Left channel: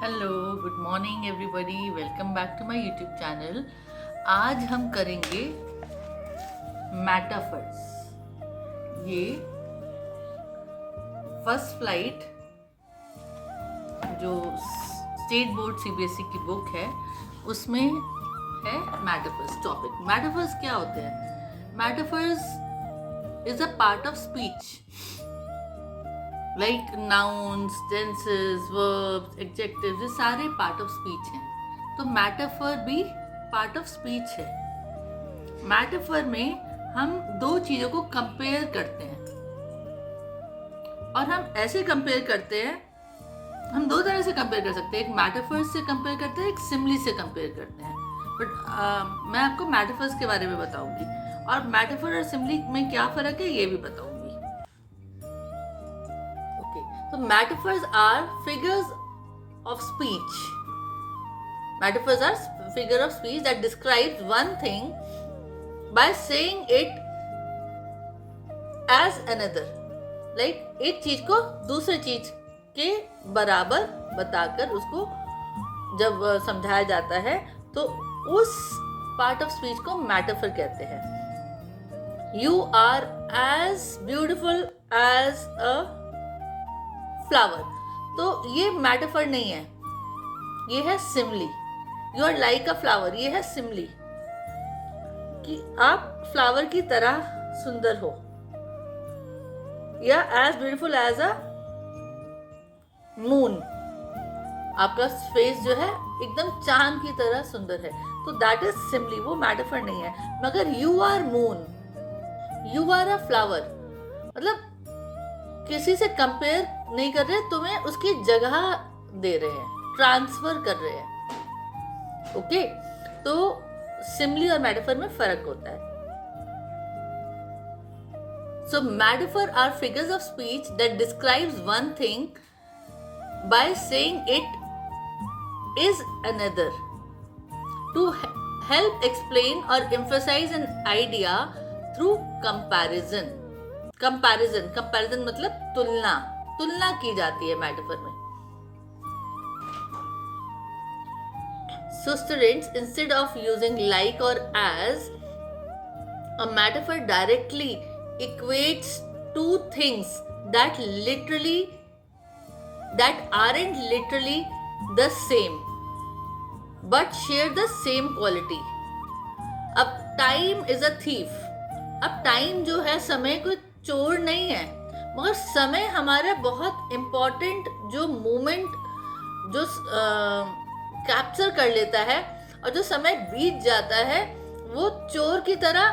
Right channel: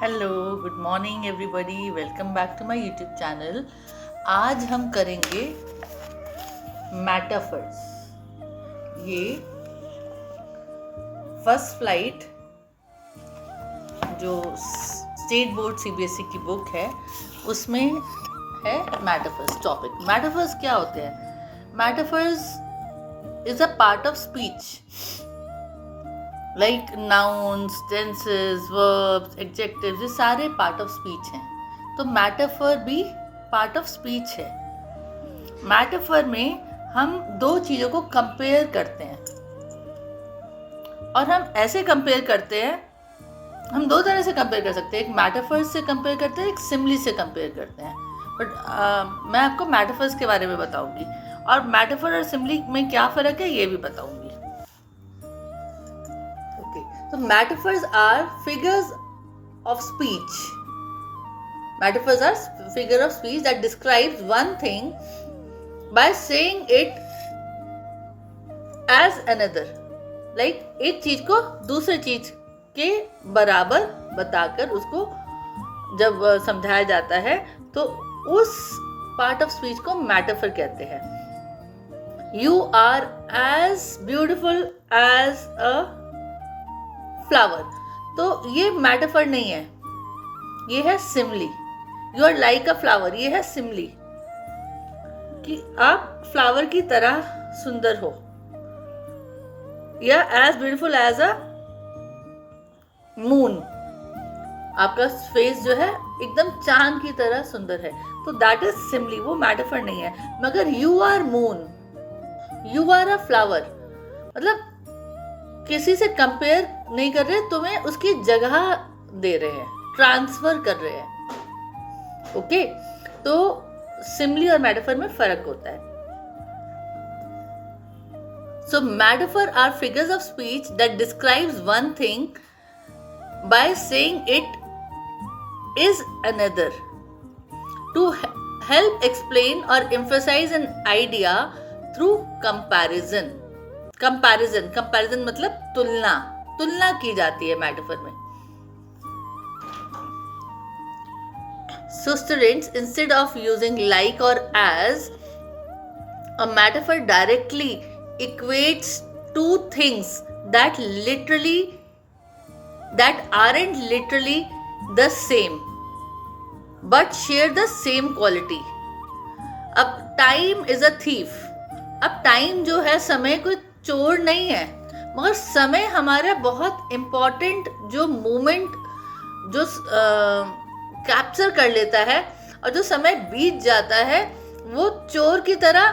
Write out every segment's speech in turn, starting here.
Hello, good morning everybody, welcome back to my YouTube channel. आज हम करेंगे metaphors. ये फर्स्ट फ्लाइट जो स्टेट बोर्ड सीबीएसई की बुक है उसमें है मेटाफर्स टॉपिक। मेटाफर्स क्या होते हैं? Metaphors is a part of speech, like nouns, tenses, verbs, adjectives, ये सारे पार्ट ऑफ स्पीच हैं। तो मेटाफर भी पार्ट ऑफ स्पीच है। मेटाफर में हम दो चीज़ों को कंपेयर करते हैं, और हम ऐसे कंपेयर करते हैं, हम दो तरह से कंपेयर कर सकते हैं। एक मेटाफर्स से कंपेयर करते हैं, एक सिमिली से कंपेयर करते हैं। बट मैं आपको मेटाफर्स के बारे में बताऊंगी, और मेटाफर और सिमिली में क्या फ़र्क है ये भी बताऊंगी। So metaphors are figures of speech. Metaphors are figure of speech that describes one thing by saying it as another. Like एक चीज को दूसरे चीज के बराबर बताकर उसको जब समझाया जाता है तो उस पार्ट ऑफ स्पीच को मेटाफर कहते हैं। You are as beautiful as a flower, तो ये मेटाफर नहीं है, ये है simile. You are like a flower, ये है सिमली कि आप फ्लावर की तरह सुंदर हो, या as beautiful as a moon, आपका फेस जो है एकदम चांद की तरह सुंदर है, तो दैट इज सिमली, वो मेटाफर नहीं है। मगर you are moon, you are a flower, मतलब किसी से कंपेयर नहीं कर रहे, तुम्हें उसकी जगह दे रहे हैं, ट्रांसफर कर रहे हैं। ओके, तो सिमिली और मेटाफर में फर्क होता है। So metaphor are figures of speech that describes one thing by saying it is another to help explain और emphasise an idea through comparison. Comparison मतलब तुलना की जाती है मेटाफर में। So students, instead of using like or as, a metaphor directly equates two things that aren't literally the same but share the same quality. अब time is a thief. अब time जो है, समय कोई चोर नहीं है, मगर समय हमारे बहुत इम्पोर्टेंट जो मोमेंट जो कैप्चर कर लेता है, और जो समय बीत जाता है वो चोर की तरह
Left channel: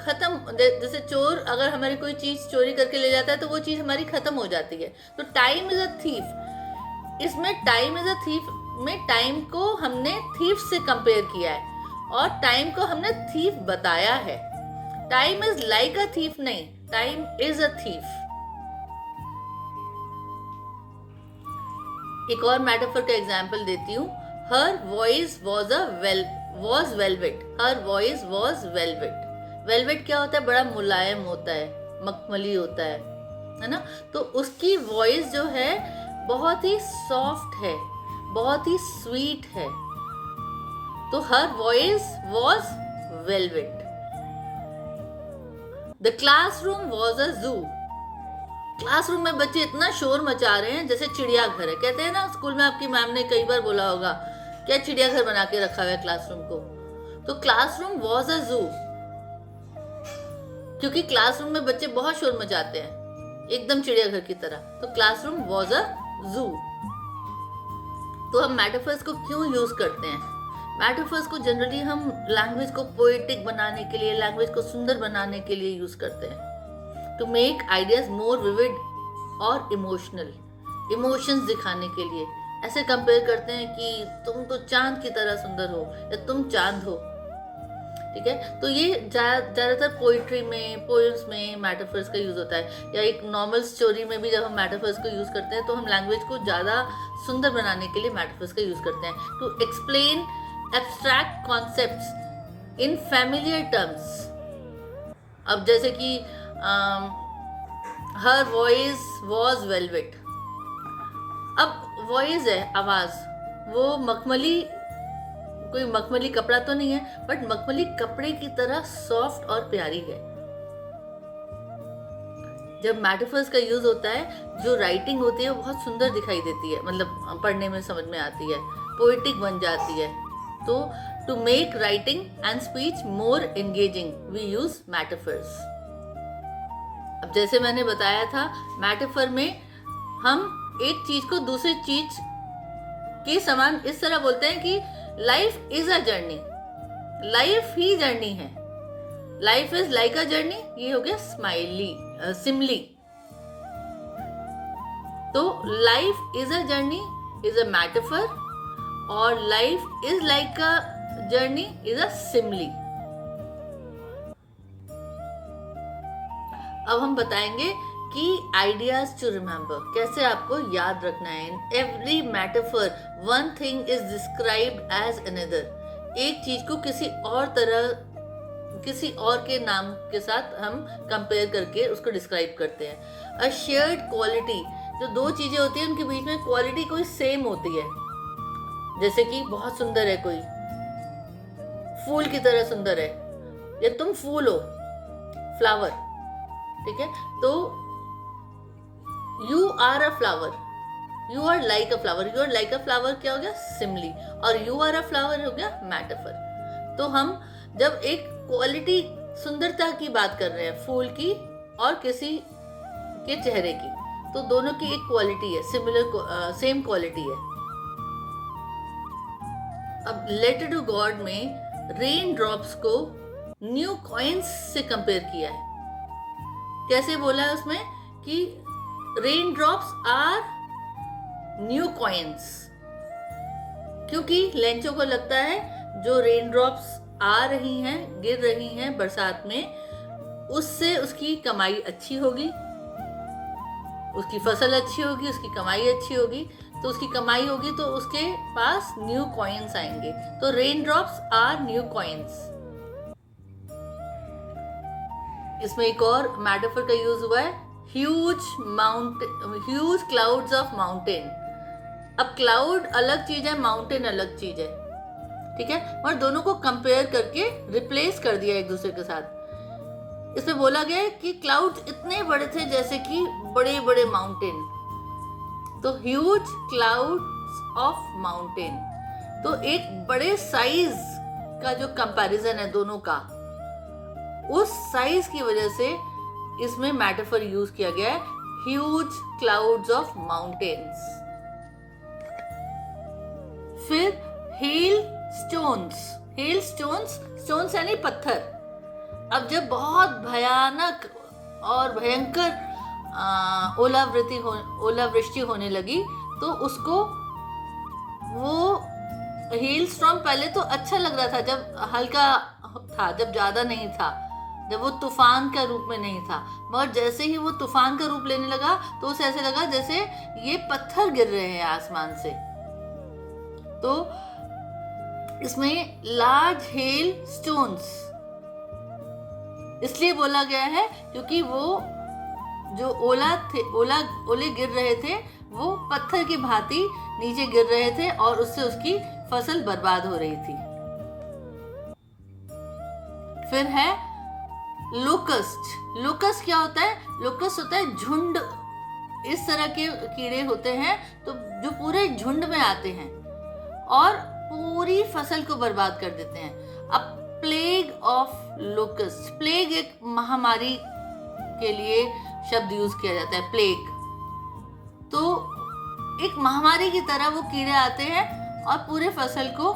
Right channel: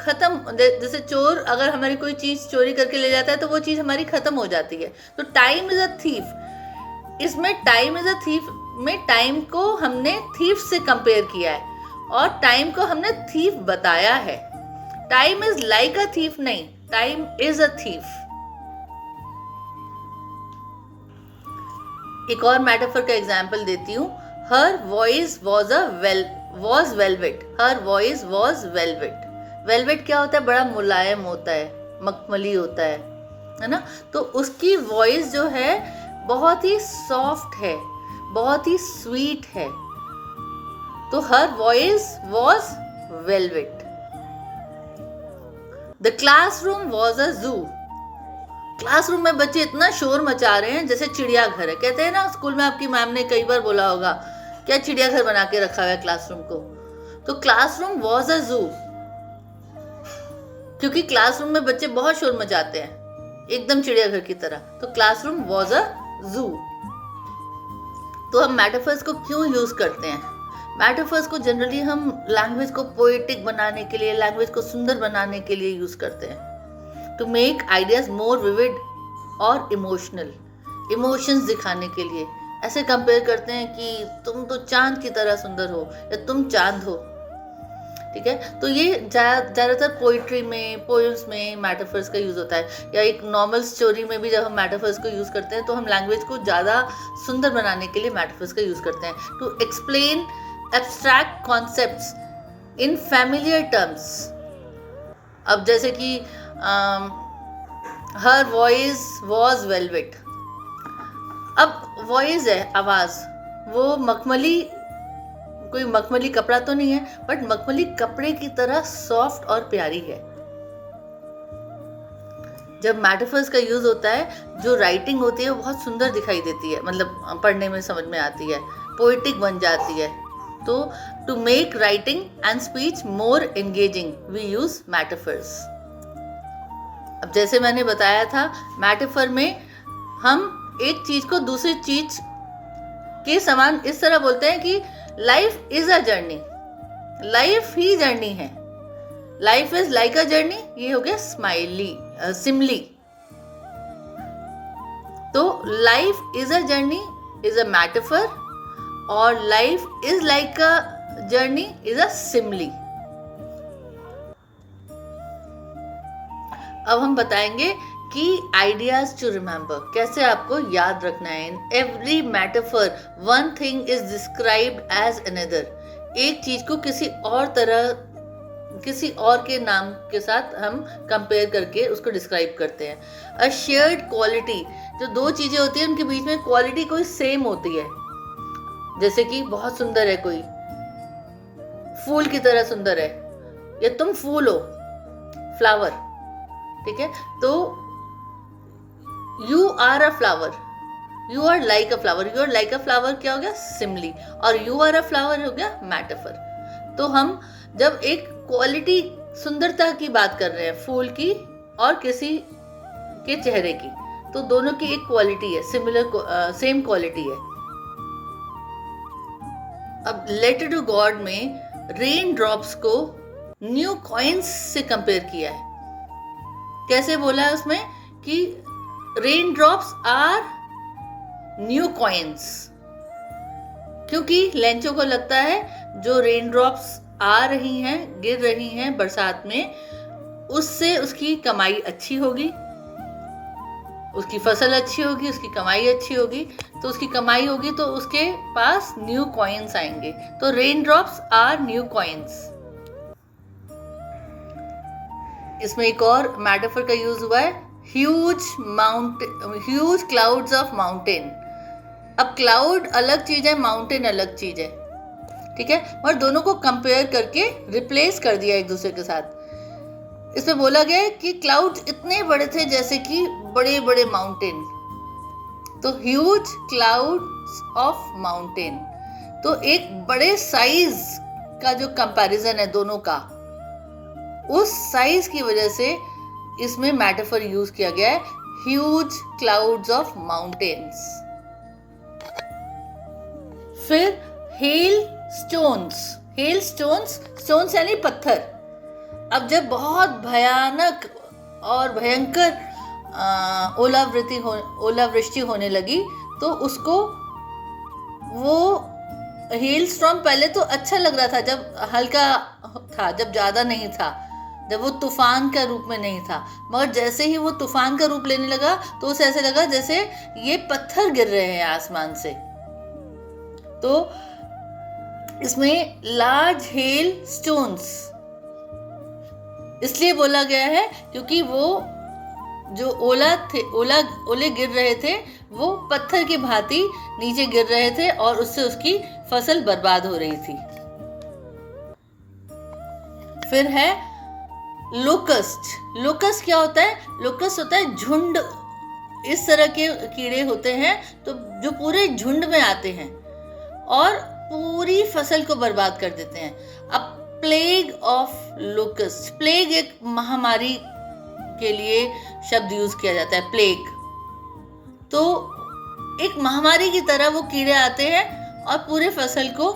खत्म। जैसे चोर अगर हमारी कोई चीज चोरी करके ले जाता है तो वो चीज हमारी खत्म हो जाती है। तो टाइम इज अ थीफ, इसमें टाइम इज अ थीफ में टाइम को हमने थीफ से कंपेयर किया है, और टाइम को हमने थीफ बताया है। Time is like a thief नहीं, टाइम इज अ थीफ। एक और मेटाफर का एग्जाम्पल देती हूँ। हर voice was velvet, her voice was velvet. Velvet क्या होता है? बड़ा मुलायम होता है, मखमली होता है ना। तो उसकी वॉइस जो है बहुत ही सॉफ्ट है, बहुत ही स्वीट है। तो हर voice was velvet. The classroom was a जू, क्लासरूम में बच्चे इतना शोर मचा रहे हैं जैसे चिड़ियाघर है। कहते हैं ना, स्कूल में आपकी मैम ने कई बार बोला होगा क्या चिड़ियाघर बना के रखा हुआ है क्लासरूम को। तो क्लासरूम वॉज अ जू, क्योंकि क्लासरूम में बच्चे बहुत शोर मचाते हैं एकदम चिड़ियाघर की तरह। तो क्लासरूम वॉज अ जू। तो हम मेटाफर्स को क्यों यूज करते हैं? मेटाफर्स को जनरली हम लैंग्वेज को पोएटिक बनाने के लिए, लैंग्वेज को सुंदर बनाने के लिए यूज करते हैं, to make ideas more vivid और इमोशनल, इमोशंस दिखाने के लिए। ऐसे कंपेयर करते हैं कि तुम तो चांद की तरह सुंदर हो, या तुम चांद हो। ठीक है, तो ये ज़्यादातर पोइट्री में, पोएम्स में मेटाफर्स का यूज़ होता है, या एक नॉर्मल स्टोरी में भी जब हम मेटाफर्स को यूज़ करते हैं तो हम लैंग्वेज को ज़्यादा सुंदर बनाने के लिए मेटाफर्स का यूज़ करते हैं, to explain abstract concepts in familiar terms. अब जैसे कि हर वॉइस वॉज वेलवेट, अब वॉइस है, आवाज, वो मखमली, कोई मखमली कपड़ा तो नहीं है, बट मखमली कपड़े की तरह सॉफ्ट और प्यारी है। जब मेटाफर्स का यूज होता है, जो राइटिंग होती है वो बहुत सुंदर दिखाई देती है, मतलब पढ़ने में समझ में आती है, पोएटिक बन जाती है। तो to make writing and speech more engaging we use metaphors. अब जैसे मैंने बताया था, मेटाफर में हम एक चीज को दूसरी चीज के समान इस तरह बोलते हैं कि life is a journey, life ही जर्नी है, life is like a journey, ये हो गया सिमली। तो life is a journey is a metaphor और life is like a journey is a simile. अब हम बताएंगे कि आइडियाज टू रिमेंबर, कैसे आपको याद रखना है। In every metaphor one thing is described as another. एक चीज को किसी और तरह, किसी और के नाम के साथ हम कंपेयर करके उसको डिस्क्राइब करते हैं। अ शेयर्ड क्वालिटी, जो दो चीजें होती हैं उनके बीच में क्वालिटी कोई सेम होती है। जैसे कि बहुत सुंदर है कोई, फूल की तरह सुंदर है, या तुम फूल हो, फ्लावर, ठीक है। तो you are a flower, you are like a flower, you are like a flower क्या हो गया, सिमली, और यू आर अ फ्लावर हो गया मेटाफर। तो हम जब एक क्वालिटी, सुंदरता की बात कर रहे हैं, फूल की और किसी के चेहरे की, तो दोनों की एक क्वालिटी है, सिमिलर, सेम क्वालिटी है। अब लेटर टू गॉड में रेन ड्रॉप्स को न्यू कॉइन्स से कंपेयर किया है। कैसे बोला है उसमें कि rain drops are new coins, क्योंकि लेंचो को लगता है जो रेन ड्रॉप्स आ रही हैं, गिर रही हैं बरसात में, उससे उसकी कमाई अच्छी होगी, उसकी फसल अच्छी होगी, उसकी कमाई अच्छी होगी। तो उसकी कमाई होगी तो उसके पास न्यू कॉइन्स आएंगे। तो rain drops are new coins. इसमें एक और मेटाफर का यूज हुआ है, ह्यूज क्लाउड्स ऑफ माउंटेन। अब क्लाउड अलग चीज है, माउंटेन अलग चीज है, ठीक है, और दोनों को कंपेयर करके रिप्लेस कर दिया एक दूसरे के साथ। इसमें बोला गया है कि क्लाउड्स इतने बड़े थे जैसे कि बड़े बड़े माउंटेन। तो ह्यूज क्लाउड्स ऑफ माउंटेन, तो एक बड़े साइज का जो कंपैरिजन है दोनों का, उस साइज की वजह से इसमें मेटाफर यूज किया गया है, ह्यूज क्लाउड्स ऑफ माउंटेन्स। फिर hail stones, hail stones, stones यानी पत्थर। अब जब बहुत भयानक और भयंकर ओलावृष्टि होने लगी, तो उसको वो हेल स्टॉर्म पहले तो अच्छा लग रहा था, जब हल्का था, जब ज्यादा नहीं था, जब वो तूफान का रूप में नहीं था, मगर जैसे ही वो तूफान का रूप लेने लगा तो उसे ऐसे लगा जैसे ये पत्थर गिर रहे हैं आसमान से। तो इसमें लार्ज हेल स्टोन्स इसलिए बोला गया है क्योंकि वो जो ओले गिर रहे थे वो पत्थर की भांति नीचे गिर रहे थे और उससे उसकी फसल बर्बाद हो रही थी। फिर है लोकस्ट। लोकस्ट क्या होता है? लोकस्ट होता है झुंड। इस तरह के कीड़े होते हैं तो जो पूरे झुंड में आते हैं और पूरी फसल को बर्बाद कर देते हैं। अब प्लेग ऑफ लोकस्ट, प्लेग एक महामारी के लिए शब्द यूज किया जाता है, प्लेग। तो एक महामारी की तरह वो कीड़े आते हैं और पूरे फसल को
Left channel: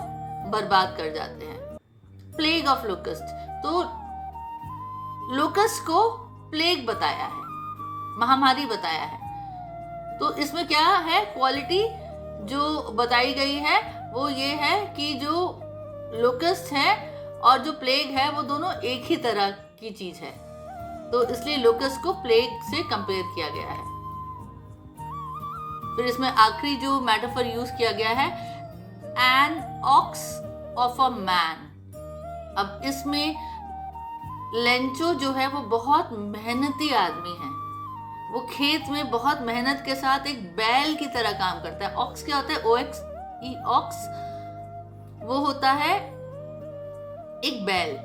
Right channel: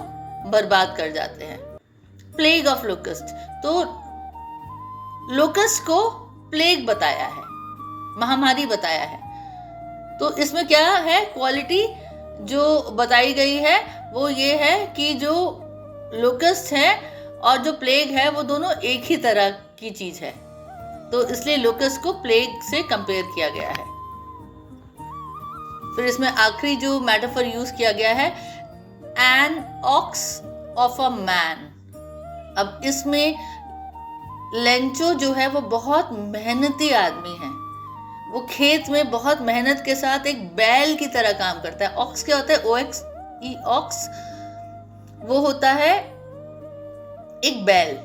बर्बाद कर जाते हैं। प्लेग ऑफ लोकस्ट, तो लोकस्ट को प्लेग बताया है, महामारी बताया है। तो इसमें क्या है, क्वालिटी जो बताई गई है वो ये है कि जो लोकस्ट है और जो प्लेग है वो दोनों एक ही तरह की चीज है, तो इसलिए लोकस्ट को प्लेग से कंपेयर किया गया है। फिर इसमें आखिरी जो मेटाफर यूज किया गया है, an ox of a man. अब इसमें लेंचो जो है वो बहुत मेहनती आदमी है, वो खेत में बहुत मेहनत के साथ एक बैल की तरह काम करता है। ऑक्स क्या होता है? OX ई ऑक्स, वो होता है एक बैल।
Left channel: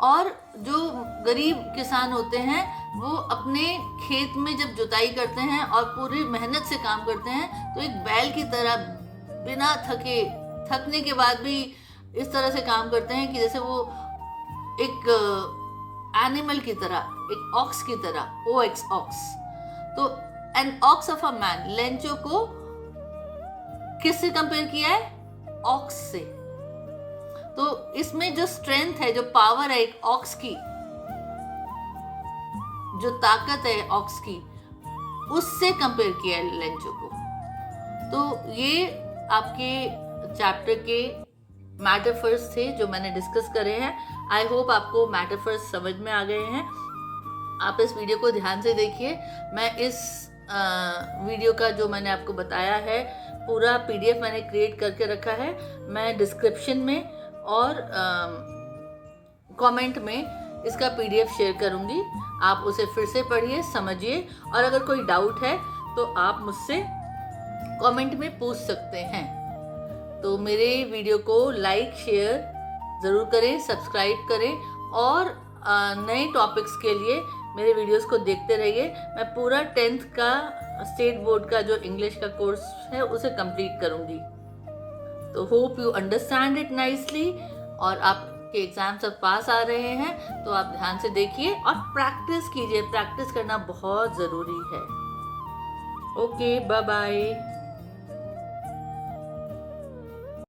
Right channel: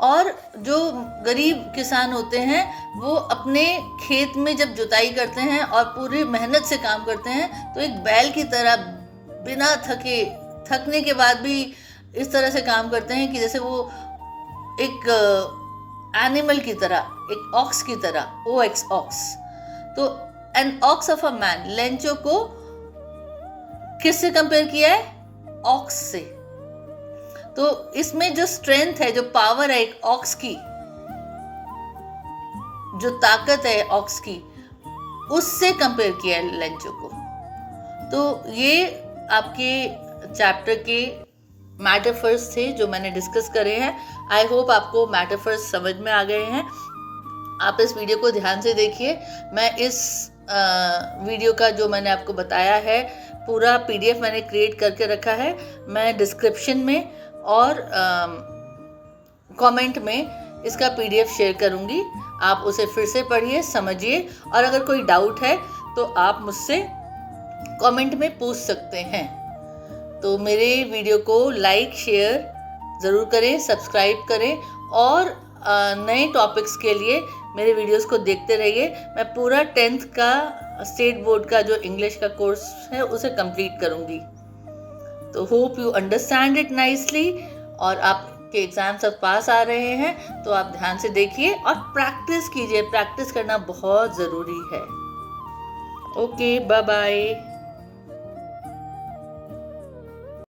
और जो गरीब किसान होते हैं वो अपने खेत में जब जुताई करते हैं और पूरी मेहनत से काम करते हैं तो एक बैल की तरह बिना थकने के बाद भी इस तरह से काम करते हैं कि जैसे वो एक एनिमल की तरह, एक ऑक्स की तरह, OX ऑक्स। तो an ox of a man, Lencho को किससे कंपेयर किया है? ऑक्स से। तो इसमें जो स्ट्रेंथ है, जो पावर है एक ऑक्स की, जो ताकत है ऑक्स की, उससे कंपेयर किया है लेंचो को। तो ये आपके चैप्टर के मेटाफर्स थे जो मैंने डिस्कस करे हैं। आई होप आपको मेटाफर्स समझ में आ गए हैं। आप इस वीडियो को ध्यान से देखिए। मैं इस वीडियो का जो मैंने आपको बताया है पूरा PDF मैंने क्रिएट करके रखा है। मैं डिस्क्रिप्शन में और कमेंट में इसका PDF शेयर करूंगी। आप उसे फिर से पढ़िए, समझिए, और अगर कोई डाउट है तो आप मुझसे कमेंट में पूछ सकते हैं। तो मेरे वीडियो को लाइक शेयर ज़रूर करें, सब्सक्राइब करें, और नए टॉपिक्स के लिए मेरे वीडियोस को देखते रहिए। मैं पूरा 10th का स्टेट बोर्ड का जो इंग्लिश का कोर्स है उसे कंप्लीट करूंगी। तो hope you understand it nicely. और आपके एग्जाम सब पास आ रहे हैं तो आप ध्यान से देखिए और प्रैक्टिस कीजिए। प्रैक्टिस करना बहुत ज़रूरी है। Okay, bye bye.